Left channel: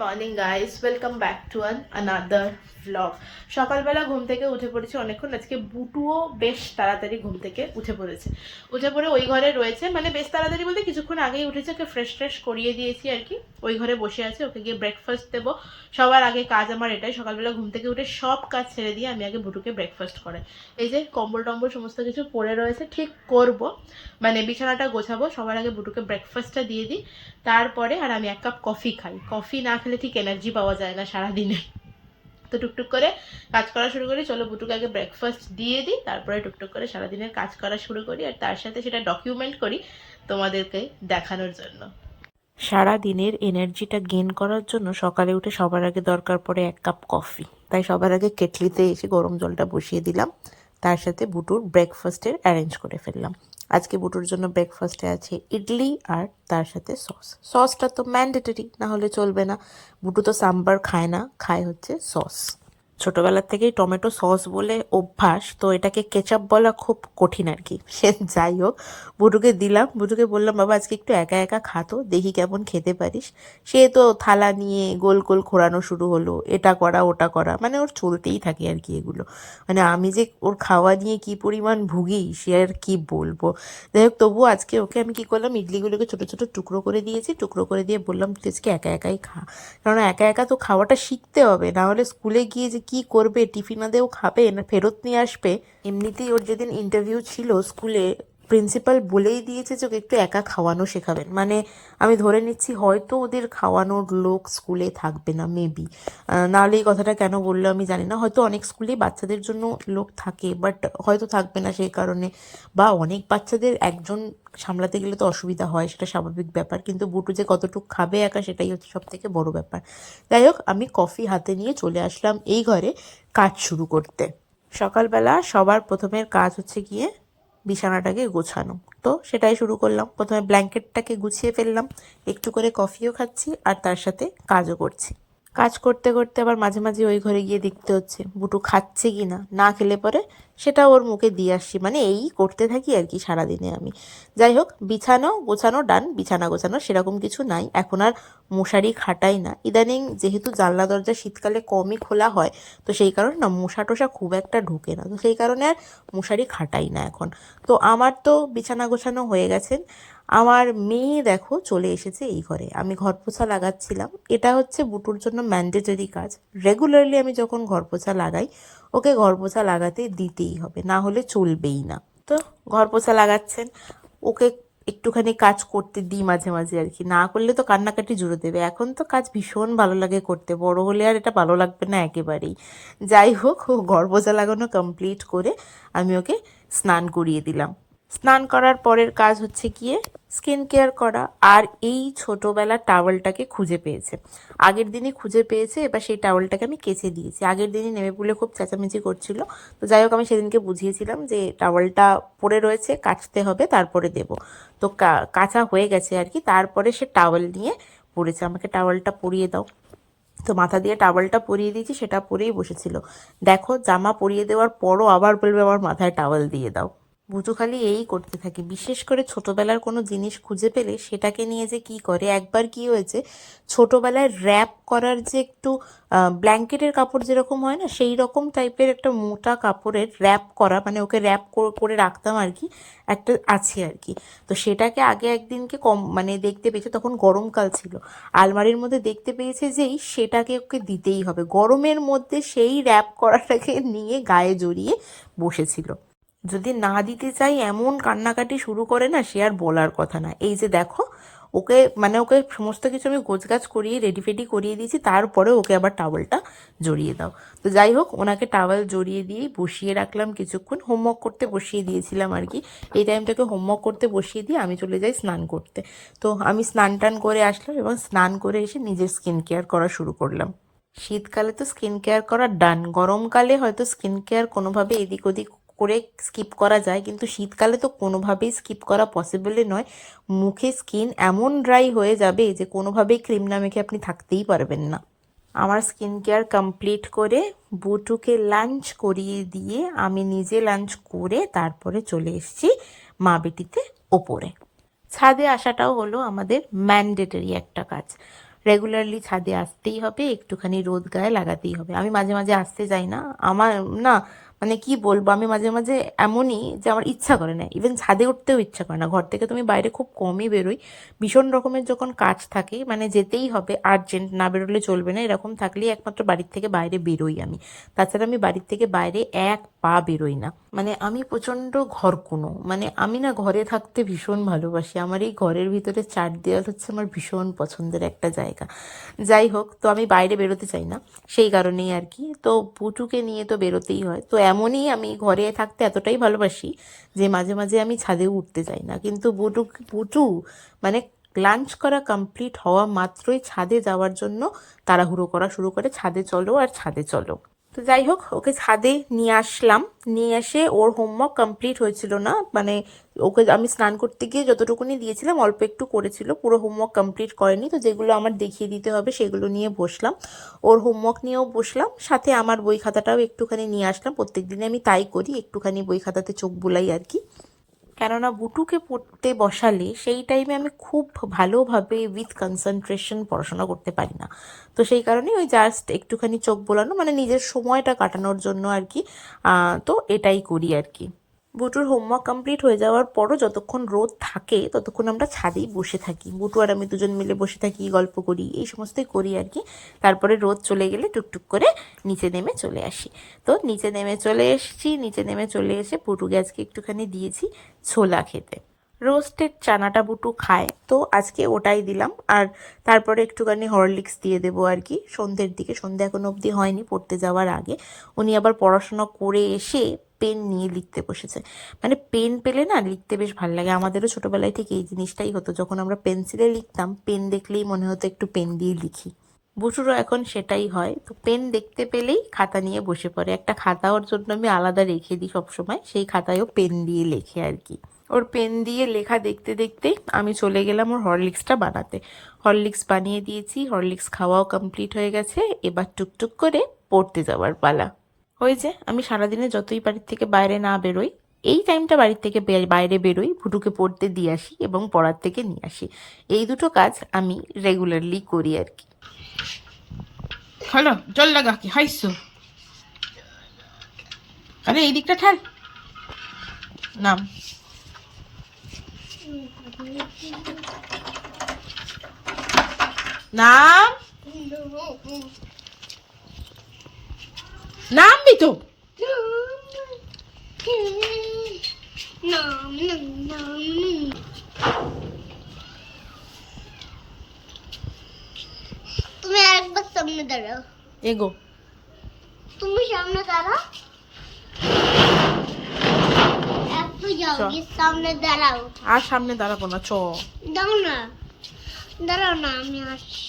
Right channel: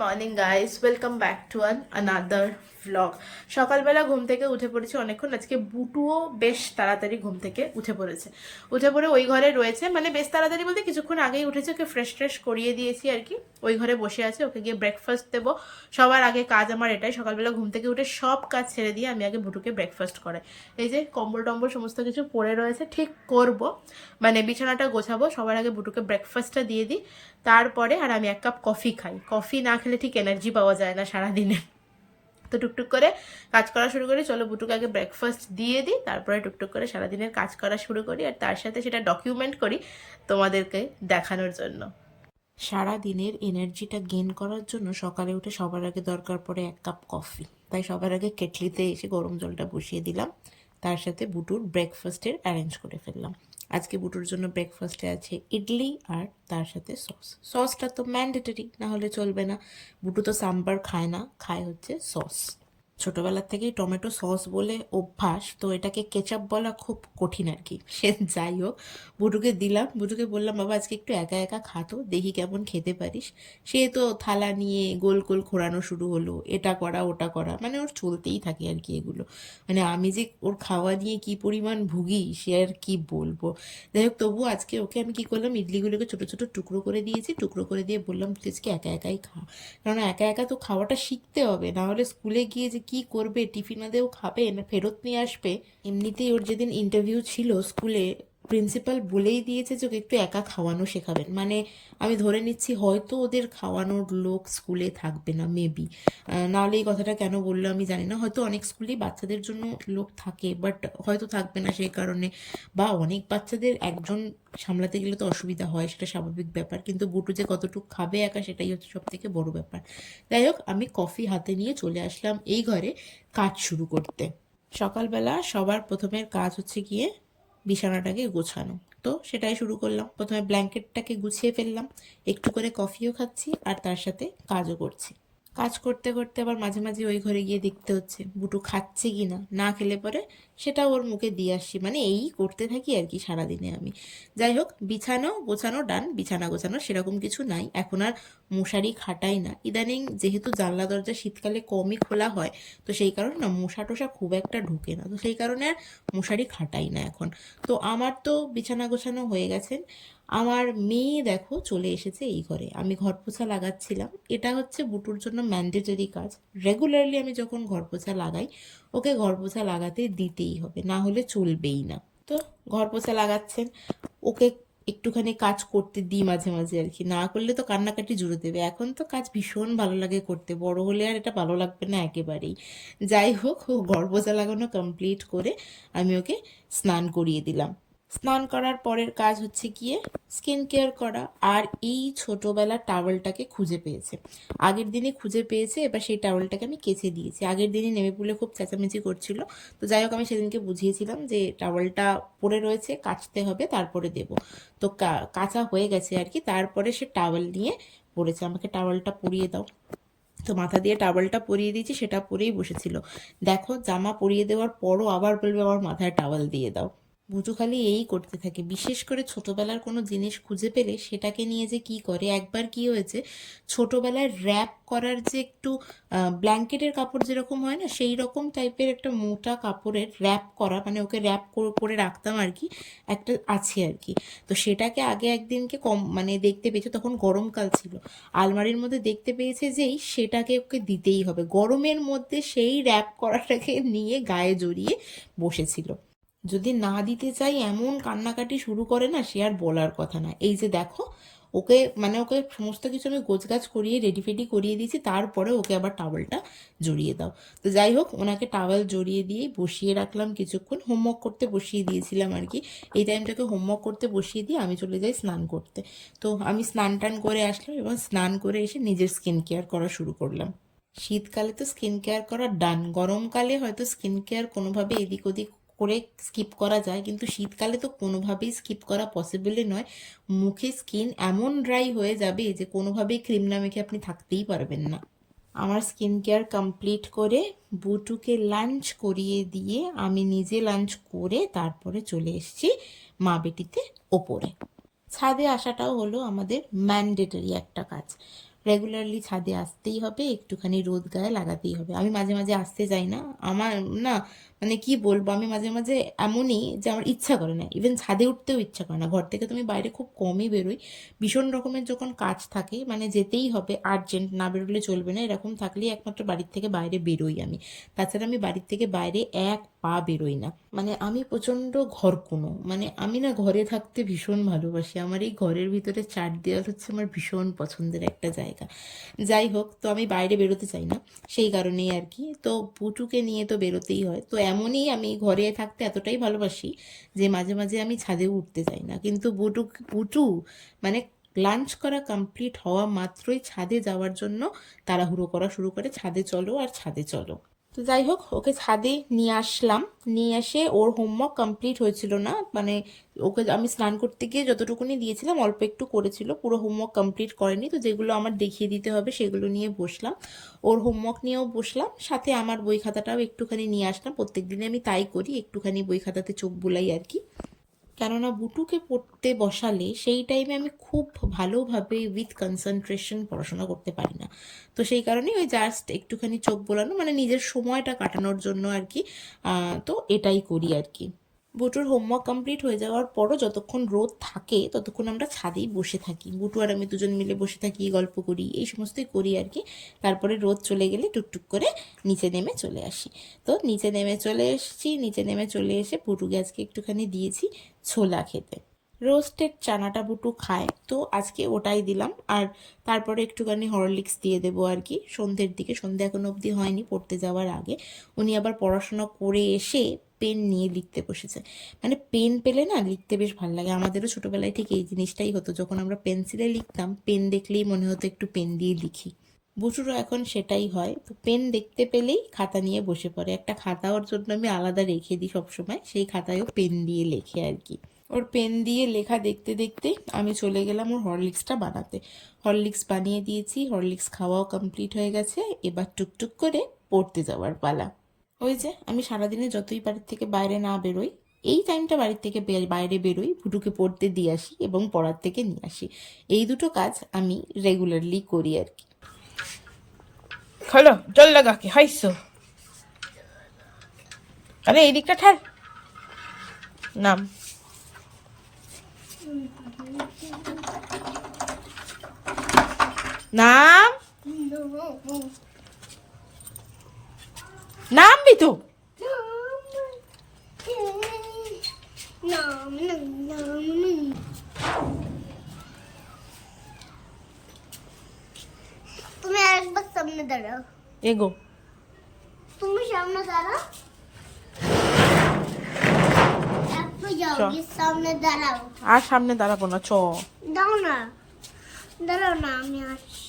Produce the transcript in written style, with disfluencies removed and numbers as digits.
Morning guys, welcome back to another vlog. সকালবেলা ঘুম থেকে উঠে পড়েছি অনেকক্ষণ। আজকে বুটুও বেশ তাড়াতাড়ি ঘুম থেকে উঠে পড়েছে। উঠে পড়ে ওই ঘরে রয়েছে, মানে বেশ তাড়াতাড়ি বলতে কিছুক্ষণ আগেই উঠেছে। ওকে ফ্রেশ করিয়ে দিয়েছি আর কি। ওই ঘরে বসে আছে, ওকে গিয়ে ব্রেকফাস্ট দেবো। সবার আগে কাজ আমার এটাই, সকালবেলা ঘুম থেকে উঠে সব কাজ ছেড়ে দিয়ে আমি আগে বুটুকে ব্রেকফাস্ট করে। এই যে কম্বল টম্বল সমস্ত কিছু পড়ে রয়েছে, ঠিক করব, মানে বিছানাটা গোছাবো। সবার আগে বুটুকে ব্রেকফাস্টটা দিয়ে দিই, তারপরে আর আমি এক কাপ কফি খাই। কফি না খেলে ঠিক এনার্জি পাওয়া যায় না সারাদিনে। তো টুকটুক করে কাজ করা শুরু করি। চলো বুটুকে আগে ব্রেকফাস্ট দিয়ে দিই, তারপরে টুকটুক করে সারাদিনের কাজ করা শুরু করি, আর তার সাথে সেটা ডকুমেন্ট করি তোমাদেরকে দেখানোর জন্য। সারা দিনের এনার্জিটা গেইন করার জন্য সকালে উঠে সবার আগে দরকার পড়ে এক কাপ কফি। তাই সবার আগে কেটলিতে এসে গরম জলটা বসিয়ে দিলাম, তার সাথে বুটুর ব্রেকফাস্টের অ্যারেঞ্জ করে ফেললাম। আজকে বুটুর জন্য ব্রেকফাস্টে আছে ইডলি আর তার সাথে সস। সসটা তো ম্যান্ডেটরি, না হলে চলবে না। বুটু তো সাম্বার খায় না, খায় হচ্ছে সস। ছোটবেলার থেকেই টমেটো সস বলে অভ্যাস, তো এটাকে কেচাপ বলা খুব কঠিন আর কি। সে যাই হোক, বুটুকে দিলাম। বুটুকে বললাম, বাবা আজকে একটু একা একা খাতো, দেখি কেমন খেতে পারিস। সে তো থালা নিয়ে গোল গোল ঘোরানো শুরু হলো, এটা করা ওটা করা, মানে ওর চলতেই থাকে আর কি এগুলো। মানে আমি যে ওর খাওয়া নিয়ে কি পরিমাণ ভুগি সে আর কি বলবো। যাই হোক, তবুও আজকে ওকে আমি কি করলাম, ইডলিগুলোকে ছোটো ছোটো টুকরো করে দিয়েছি। টুকরো করে দিয়ে বললাম, তুই আজকে একা একাই খা, কারণ একা একা তো খাওয়াটা শিখতে হবে, না হলে স্কুলে গিয়ে যে কি করবে, টিফিনাদেও খাবে না ফেরত নিয়ে আসবে। এমনিতেই ওর যেদিন ইন্টারভিউ ছিল স্কুলে, প্রিন্সিপাল বলেই দিয়েছে যে ওকে একটু একা খাওয়ানো শেখাবেন। মানে আমি ধরে নিচ্ছি হয়তো ওদের খাওয়ানোর লোক স্কুলে থাকবে না, মেবি। নাহলে এই কথাটা কেন বললো আমি জানি না। হয়তো অনেক স্কুলেই বাচ্চাদের জন্য লোক থাকে, বাট হয়তো থাকবে না সেই কারণে। বা অনেক বাচ্চাদের একজন সামলাতে গেলে তো অসুবিধা হয়, সেটা স্বাভাবিক ব্যাপার। কিন্তু বুটু যে কতটুকু খাবে একা, সেটাই হচ্ছে সব থেকে বড় ব্যাপার। যাই হোক, আমি কফি হাতে নিয়ে চলে আসলাম এই ঘরে কাজ শুরু করতে। সকালবেলা সবার প্রথমের কাজ হচ্ছে গিয়ে বিছানাটাকে গোছানো। তো সেটাই শুরু করলাম। প্রথমে ব্ল্যাঙ্কেটটাকে গুছিয়ে ফেললাম, একটু করে কফিও খাচ্ছি আর তার সাথে কাজও করছি। কাজ করতে করতে আবার মাঝে মাঝে ওই ঘরে গিয়ে দেখতে হচ্ছে বুটু খাচ্ছে কি না। না খেলে পরে সেটা ওর মুখে দিয়ে আসছি, মানে এই করতে থাকি আর কি সারাদিনে আমি। যাই হোক, বিছানো গোছানো ডান। বিছানা গোছানো সেরকম কিছু নাই, এখন আর মশারি খাটাই না ইদানিং, যেহেতু জানলা দরজা শীতকালে কমই খোলা হয়, তো সেই কারণে না মশা টশা খুব একটা ঢোকে না, তো সেই কারণে আর মশারি খাটাই না এখন। তো আমার তো বিছানা গোছানো হয়ে গেছে। আমার মেয়ে দেখো চলে এসেছে এই ঘরে। আমি ঘর পোছা লাগাচ্ছিলাম। এটা হচ্ছে বুটুর জন্য ম্যান্ডেটরি কাজ। রেগুলারলি আমি যখন ঘর পোছা লাগাই, ওকে ঘর পোছা লাগাতে দিতেই হবে, না হলে চলবেই না। তো ঘর পোছা লাগাচ্ছেন, ওকে একটুখানি কাজ করতে দিই মাঝে মাঝে আর কি, না করলে তো কান্নাকাটি জুড়ে দেবে। এখন তো কাজ ভীষণ ভালো লাগে করতে, বড় হলে আর এটা ভালো লাগবে না একেবারেই। যাই হোক, ও ঘর পোছা লাগানো কমপ্লিট করে আমি ওকে স্নান করিয়ে দিলাম। স্নান করার পরের কাজ হচ্ছে গিয়ে স্কিন কেয়ার করা। আর এই ছোটোবেলার টাওয়েলটাকে খুঁজে পেয়েছে, আগের দিনই খুঁজে পেয়েছে। এবার সেই টাওয়েলটাকে আমি কেচে দিয়েছি। আগের দিনই নেমে পুলে খুব চেঁচামেচি করছিল। তো যাই হোক, আমি সেদিনকে বুঝিয়েছিলাম যে টাওয়েলটা পড়ে রয়েছে, কাচতে হবে, তারপরে দেব। তো কাচা হয়ে গেছে আর কি। তারপরে সে টাওয়েল নিয়ে পড়েছে, আমাকে টাওয়েলটা পরিয়ে দাও। তো মাথা দিয়ে টাওয়েলটা পরিয়ে দিয়েছি, সেটা পরেই বসেছিল। দেখো, জামা পরিয়ে দেওয়ার পরও আবার বলবে আমার মাথায় টাওয়েল দিয়ে দাও। বুটু খালি এই করতে থাকে। বিশেষ করে ছোটবেলার কোনো জিনিস খুঁজে পেলে সেটাকে নিয়ে যে কি করে। একবার কি হয়েছে, ছোটবেলায় র্যাপ করার যে একটু ব্ল্যাঙ্কেটের কাপড় যেরকম হয় না, সেই রকম টাইপের একটা মোটা কাপড়ের র্যাপ করা, মানে ওকে র্যাপ করে রাখতাম আর কি, একটা আছে আর কি। তো সেটাকে আগে একদিনকে মানে দেখতে পেয়েছে, তখন গরমকাল ছিল, আলমারির মধ্যে দেখতে পেয়েছে যেই সেটাকে ওকে দিতেই হবে। গরমের মধ্যে সেই র্যাপ করাটাকে নিয়ে গায়ে জড়িয়ে বসেছিল। যদি না দিতে চাই এমন কান্নাকাটি শুরু করে না, সে আর বলার কথা না। এই যে দেখো, ওকে মানে ওকে সমস্ত কিছু আমি গোছগাছ করিয়ে রেডি ফেডি করিয়ে দিয়েছি, তারপরে ওকে আবার টাওয়েলটা জড়িয়ে দাও। তো যাই হোক, ওনাকে টাওয়েল জড়িয়ে দিয়েই বসিয়ে রাখলাম কিছুক্ষণ। হোমওয়ার্ক করতে বসিয়ে দিয়েছিলাম আর কি। এই টাইমটাকে হোমওয়ার্ক করতে বসিয়ে দিয়ে আমি চলে যাই স্নান করতে। তো আমি স্নান টান করে আসলাম এবং স্নান করে এসে নিজের স্কিন কেয়ার করা শুরু করলাম। শীতকালে তো স্কিন কেয়ার করা ডান, গরমকালে হয়তো স্কিন কেয়ার কোনোভাবে এদিক ওদিক করে স্কিপ করা যায়, কিন্তু শীতকালে তো কোনোভাবেই স্কিপ করা পসিবলই নয়। মুখে স্কিন এমন ড্রাই হয়ে যাবে যে কোনোভাবেই ক্রিম না মেখে আপনি থাকতেই পারবেন না। আমার স্কিন কেয়ার কমপ্লিট করে বুটুকে লাঞ্চ করিয়ে দিয়ে আমি নিজে লাঞ্চ করে তারপরে চলে এসেছি মা বেটিতে ওপরে। ছাদে আসাটাও হলো আমাদের ম্যান্ডেটরি একটা কাজ। রেগুলারলি ছাদে আসতেই হবে, একটুখানি রোদ গায়ে লাগাতেই হবে। আমি মাঝে মাঝে আসতে যাই না, আমার না মানে কি বলবো, আমি মাঝে মাঝে এমনই যে আমার ইচ্ছা করে না, ইভেন ছাদে উঠতেও ইচ্ছা করে না। ঘর থেকে তুমি বাইরে খুব কমই বেরোই, ভীষণ রকমের যখন কাজ থাকে, মানে যেতেই হবে, আর্জেন্ট, না বেরোলে চলবে না, এরকম থাকলেই একমাত্র বাড়ির থেকে বাইরে বেরোই আমি। তাছাড়া আমি বাড়ির থেকে বাইরে এক পা বেরোই না। মানে আমি প্রচণ্ড ঘরকুনো, মানে আমি না ঘরে থাকতে ভীষণ ভালোবাসি। আমার এই ঘরের ভিতরে চার দেওয়াল হচ্ছে আমার ভীষণ পছন্দের একটা জায়গা। যাই হোক, তো আমি বাইরে বেরোতে চাই না, সেই কারণেই আর কি। তো পুটুকে নিয়ে তো বেরোতেই হয়, তো এমনই আমি ঘরে থাকতে এতটাই ভালোবাসি যে মাঝে মাঝে আমি ছাদেও উঠতে চাই না। কিন্তু পুটু মানে লাঞ্চ করা কমপ্লিট হওয়া মাত্রই ছাদে যাওয়ার জন্য তাড়াহুড়ো করা শুরু করে, ছাদে চলো আর ছাদে চলো। তো যাই হোক, ওকে ছাদে নিয়ে আসলাম। নিয়ে এসে ওর হোমওয়ার্ক কমপ্লিট হয়েছিল না, মানে ওকে আমি স্নান করতে গিয়ে যতটুকুনি দিয়েছিলাম অল্প একটু করেছিল, পুরো হোমওয়ার্ক কমপ্লিট করেনি। তো যেগুলো আমার দেখিয়ে দিতে হবে সেগুলো নিয়ে বসলাম, ওর হোমওয়ার্ক নিয়েও বসলাম, সাথে আমার বই খাতাটাও একটুখানি নিয়ে আসলাম। প্রত্যেক দিনে আমি তাই করি, একটুখানি বই খাতাতে চোখ বুলাই আর কি। কেননা বুটুকে পড়তে বসালে সেই টাইমে আমি খুব ভালোভাবে উইথ কনসেন্ট্রেশন পড়াশোনা করতে পারি না। তো সেই কারণেই ওই জাস্ট একটুখানি চোখ বোলানো, মানে নিজের সময়টা কাটানোর জন্য আর কি। তো এটাই করি আর কি। বুটুর হোমওয়ার্ক কমপ্লিট হয়ে যাওয়ার পরও যতক্ষণ রোদ থাকে ততক্ষণ আমরা ছাদেই বসে থাকি, বুটু আর আমি দুজন মিলে বসে থাকি, গল্প করি, এই সমস্তই করি আর কি। তারপরে রোদ চলে গেলে টুকটুক করে নিচে নেমে চলে আসি। তো নিচে নেমে চলে এসেছি, নিচে নেমে চলে এসে বুটুকে আজকে একটুখানি দিয়েছি ছোলা খেতে। রোস্টেড চানাটা বুটু খায়, তো আজকে ওটাই দিলাম। আর তারপরে একটুখানি হরলিক্স দিয়ে দেবো আর কি সন্ধ্যের দিকে। সন্ধ্যে এখনো অবধি হয়নি, পড়তে যাওয়ার আগে। উনি আবার পড়াশোনা করে এসে পেন নিয়ে লিখতে বসেছে। মানে পেন পেলে না লিখতে বেশ ভালো লাগে। আমাদেরও ছোটোবেলায় ঠিক এই জিনিসটাই হতো, যখন আমরা পেন্সিলে লিখতাম পেন দেখলেই মনে হতো একটু পেন দিয়ে লিখি। বুটুরও এখন সেটাই হয়, তো পেন দেখতে পেলেই খাতা নিয়ে বসে পড়ে। একটা খাতা ওর জন্য আমি আলাদা রেখে দিই সবসময়, সেই খাতায়ও পেন দিয়ে লেখে আর কি। ওর পেন দিয়ে লেখা দেখতে দেখতে আমি চলে গেলাম ওর হরলিক্সটা বানাতে। হরলিক্স বানিয়ে দিয়েছি, হরলিক্স খাওয়াও কমপ্লিট হয়ে গেছে, এবার টুকটুক করে পড়তে যাওয়ার পালা। ওই যে আমি সারাদিনে যতই বাড়ির থেকে বাইরে না বেরোই, এই টাইমটা বাড়ির থেকে বাইরে বেরোই, ভুটুকে পড়তে দিয়ে আসি এবং পড়ার থেকে নিয়ে আসি। এই দুটো কাজ আমি রেগুলারলি করি আর কি। হলো জল লাগা কি হাইছো, আরে এই দিকটা ঠাল, নাম নাম নামবি তো। তুমি একবার সামনে দাঁড়াও, এগো, তুমি সামনে দাঁড়াও, একটু যাও, গিয়ে সামনে দাঁড়াও। আর সামনে দাঁড়াবো না, চ। দাও না, দাঁড়াও না, আমি আসছি।